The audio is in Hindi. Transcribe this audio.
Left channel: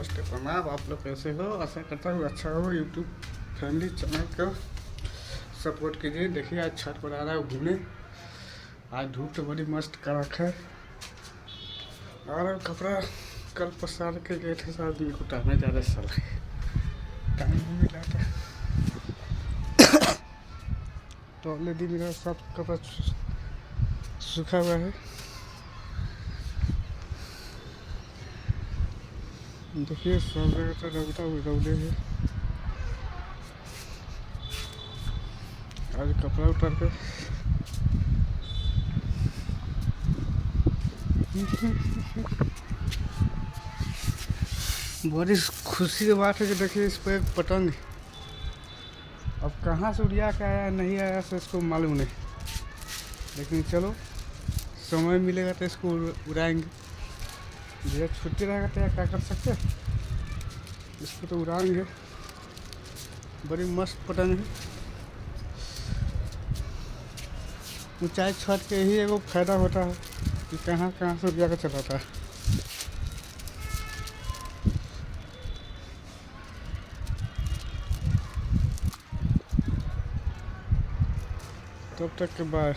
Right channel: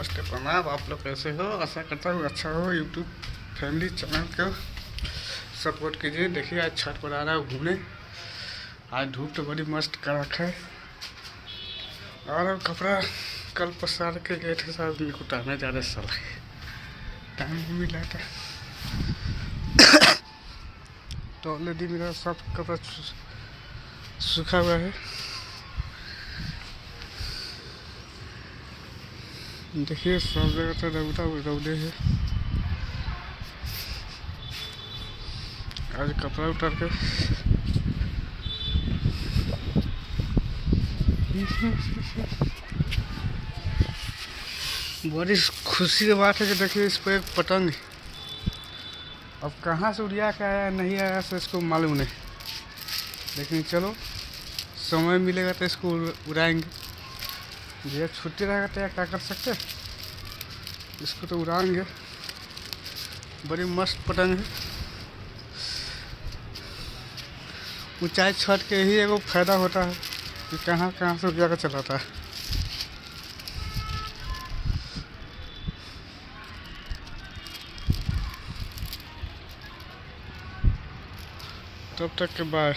नमस्ते प्रणाम। आप लोग कैसे हो? आशा करता हूँ अच्छा हो। यूट्यूब फैमिली चैनल को सपोर्ट कीजिए। देखिए आज छत पर आ रहा है घूमने। आज धूप तो बड़ी मस्त कड़क है और कपड़ा कल पसार के गए थे साल दिन को उतारने जा रहे साल टाइम नहीं मिला था तो ऑलरेडी मेरा सब कपड़ा सूखा हुआ है। देखिए सब जगह तो रौदे है। आज कपड़ा उतार के बड़ी खुशी की बात है कि देखिए इस पर एक पतंग अब कहाँ से उड़िया के आया नहीं आया तो इसको मालूम नहीं, लेकिन चलो समय मिलेगा तो इसको उड़ाएंगे। भैया छुट्टी रहेगा तो क्या कर सकते, इसको तो उड़ाएंगे। बड़ी मस्त पतंग है। ऊंचाई छत के ही एगो फायदा होता है कि कहाँ कहाँ से उड़िया का चलाता है। तब तक के बाय।